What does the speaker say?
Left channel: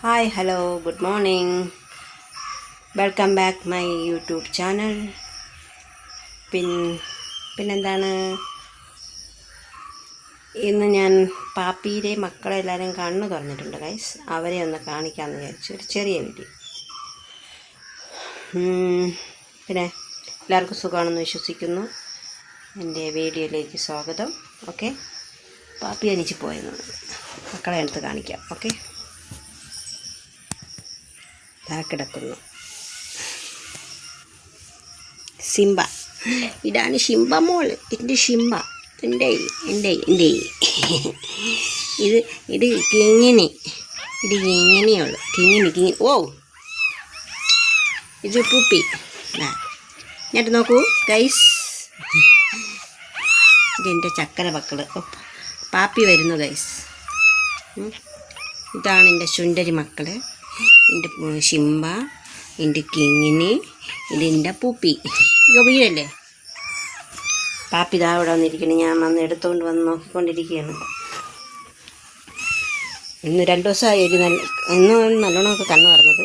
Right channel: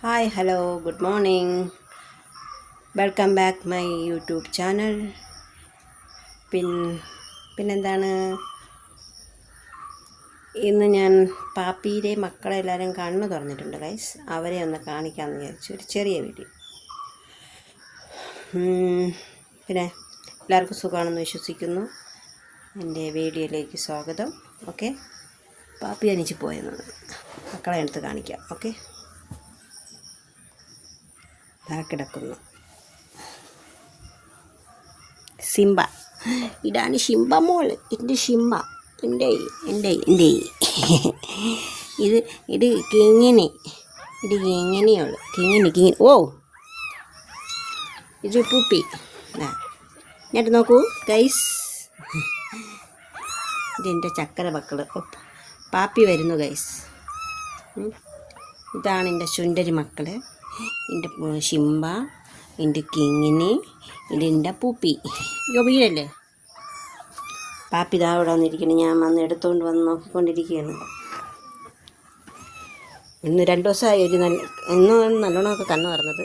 Hi hello good morning welcome back my YouTube channel പിൻ പിന്നെന്താണ്? ഇന്ന് ഞാൻ പാപ്പീരെ മക്കളെ എല്ലാവരും കണ്ണു തുറന്നിട്ടുണ്ട് ഗൈസ് അവരെ ഒന്ന് കാണിക്കാമെന്ന് വിചാരിച്ചു. ഒരു ചെറിയ വീഡിയോ പിന്നെ എല്ലാവർക്കും സുഖമാണെന്ന് വിശ്വസിക്കുന്നു. എന്റെ വീഡിയോയിലേക്ക് സ്വാഗതം. ഓക്കെ പാപ്പി അനിച്ച് പോയെന്നാണ് മക്കളെ എടുത്ത് കാണിക്കാം. ഓക്കെ ദാ കിടക്കുന്നു. സിംബ. ഇതാണ് ഷിംബ മോൾ എന്റെ ഷിംബ എന്റെ എന്റെ എന്റെ. ഇത് ഇത് കിങ്ങിനി ഇത് കിങ്ങിനിയുള്ളു കിങ്ങിനി കിങ്ങി ഓ. ഇത് പൂപ്പി. ആ എന്നിട്ട് നോക്കൂ ഗൈസ് ഇതെന്റെ ചക്കര മക്കൾ പാപ്പി വരുന്നു ഗൈസ്. ഇതാണ് എന്റെ ചുണ്ടരി മക്കൾ എന്റെ ശിംബ എന്റെ കിങ്ങിനി ഇതിന്റെ പൂപ്പി. വീടല്ലേ പാപ്പി ഇതാ അവിടെ വന്നിരിക്കുന്നു. ഞാൻ വന്ന് എടുത്തുകൊണ്ട് വന്ന് നോക്കിക്കൊണ്ടിരിക്കുകയാണ്. ഇന്ന് രണ്ട് ദിവസമായി ഒരു നല്ല ഇന്ന് നല്ലോണമൊക്കെ കണ്ണു പറഞ്ഞത്.